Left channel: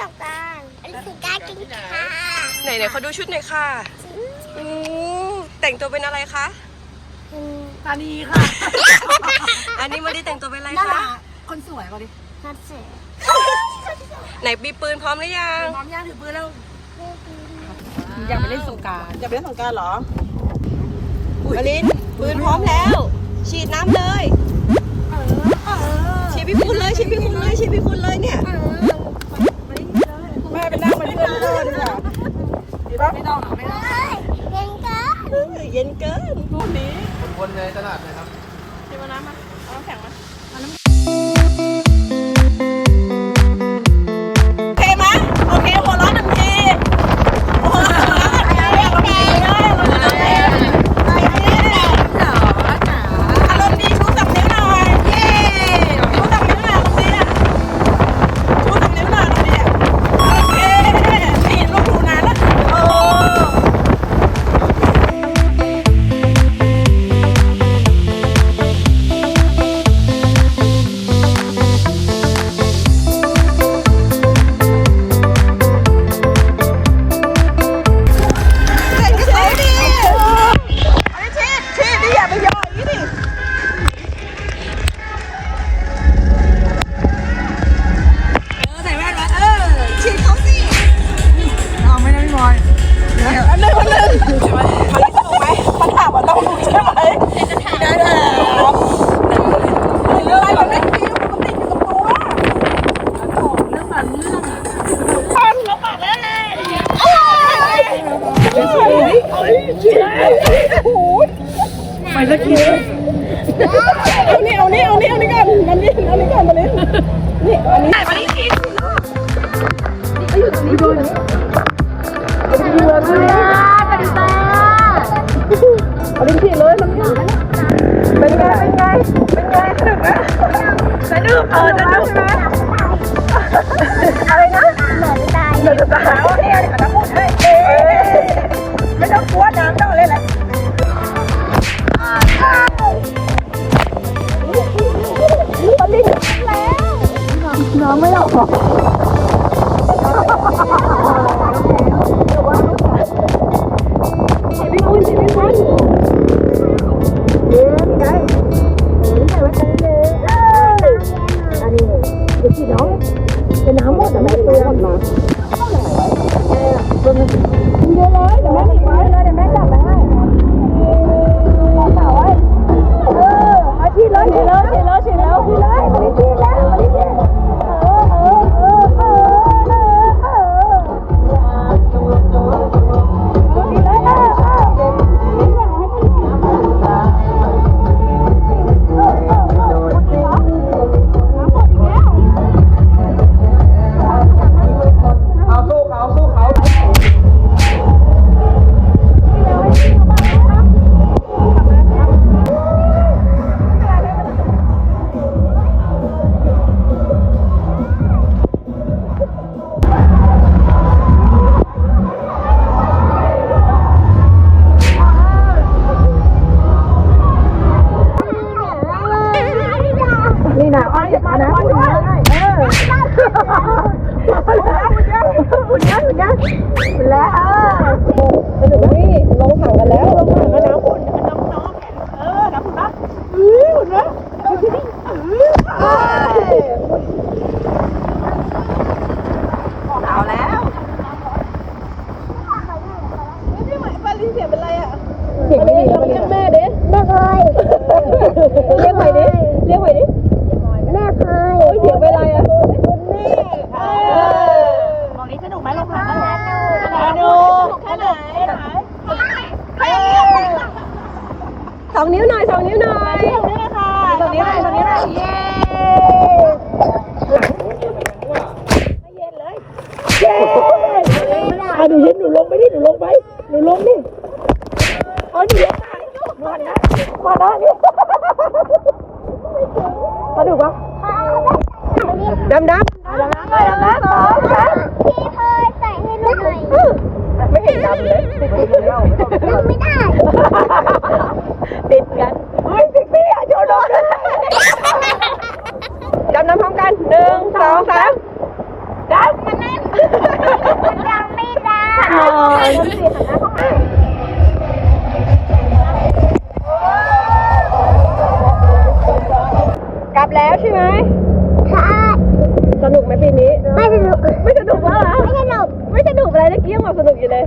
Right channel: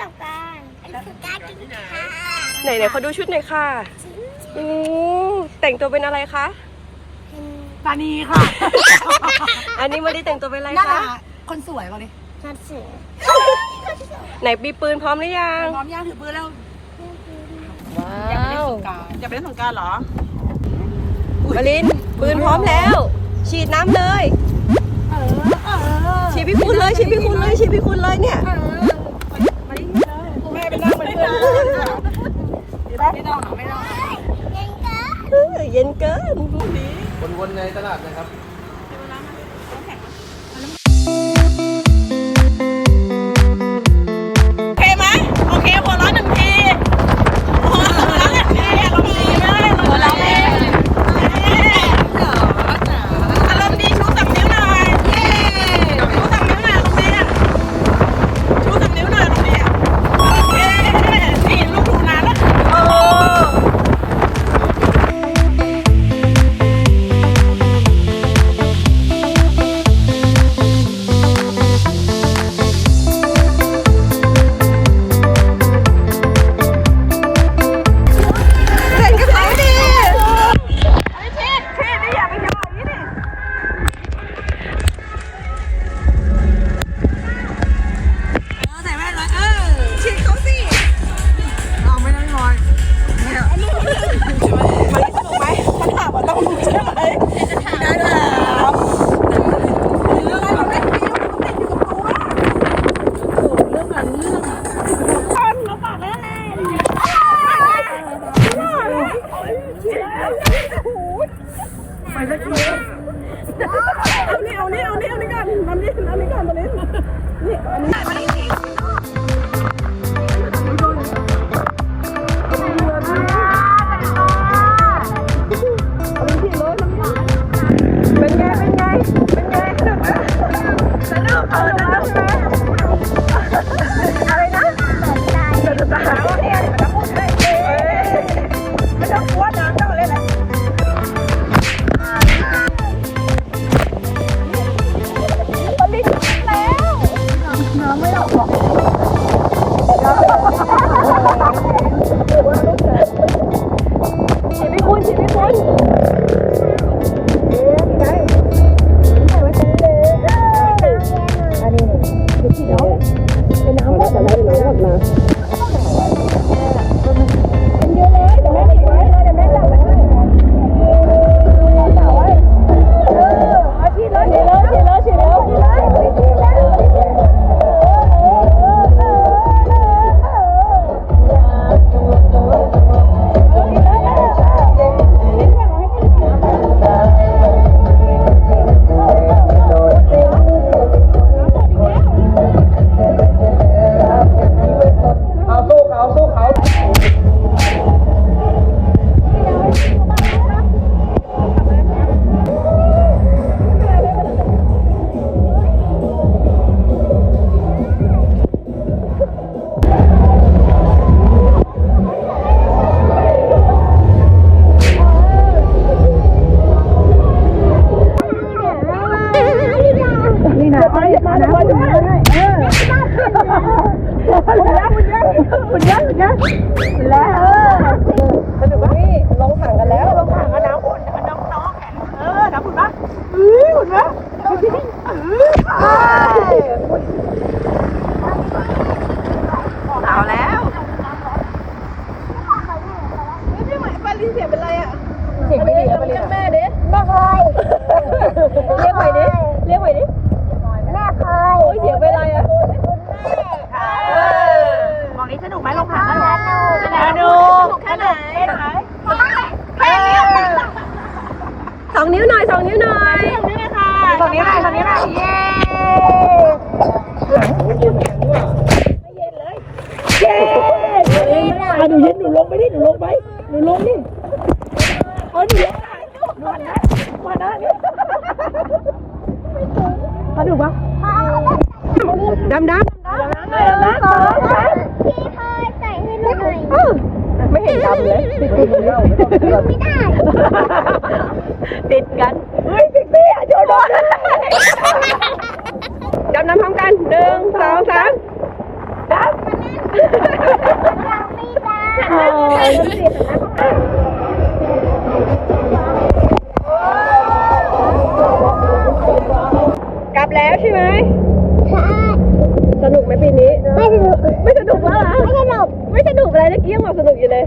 สงกรารเล่นสงกรารกันค่ะไหนไหนเขาดูชุดหน่อยค่ะโอ้แต่งตัวเป็นอะไรคะ ตานีค่ะอันนี้มาดีแต่งตัวเป็นอะไรน่าคะรักคนสวยมาดินัดเสือไหนมีปืนพร้อมหรือยัง พร้อมย่างถือปืนแล้วอยากไปเล่นสงกรารอยากไปเล่นสงกรารเหรอ มาลินปืนพร้อมแล้ว ฉีดน้ำเลยฉีดพี่คุณเลยฉีดพี่คุณเลยฉีดพี่คุณเลยเนี่ยแม่ ไปนั่งเป็นเพื่อนไม่ต้องหรอไม่ต้องเล่นกันเออเย็นเกินวนๆในตลาดนะครับโอ ไปสักทีเอานี่เอานี่เอานี่เอานี่ก่อนเอานี่เอานี่ก่อนมาเลยนี่เอานี่ นี่ เรียกไปดิ แม่เคยโอ้ยเสียงเป็นไรอะคุณแม่เออบอกนี้สนุกไหมลงถังสนุกแค่ไหนสองนิ้วหน่อยสองนิ้วหน่อยตรงนี้ไหนตรงนี้ไหนเย้มาดูยินหนูลงไปดิหนูลงไปหนูลงดิโอ้ยหนูลงได้มาได้ดิมาดูปะ ดำดำพี่เคยใส่ให้หน่อยไม่เห็นดำเลยติดติดเลยยังไม่ได้ ติดกัน สนุกไม่สนุกแล้วเหรอไม่สนุกไม่สนุกอะไรตะกี้ยังบอกสนุกอยู่เลย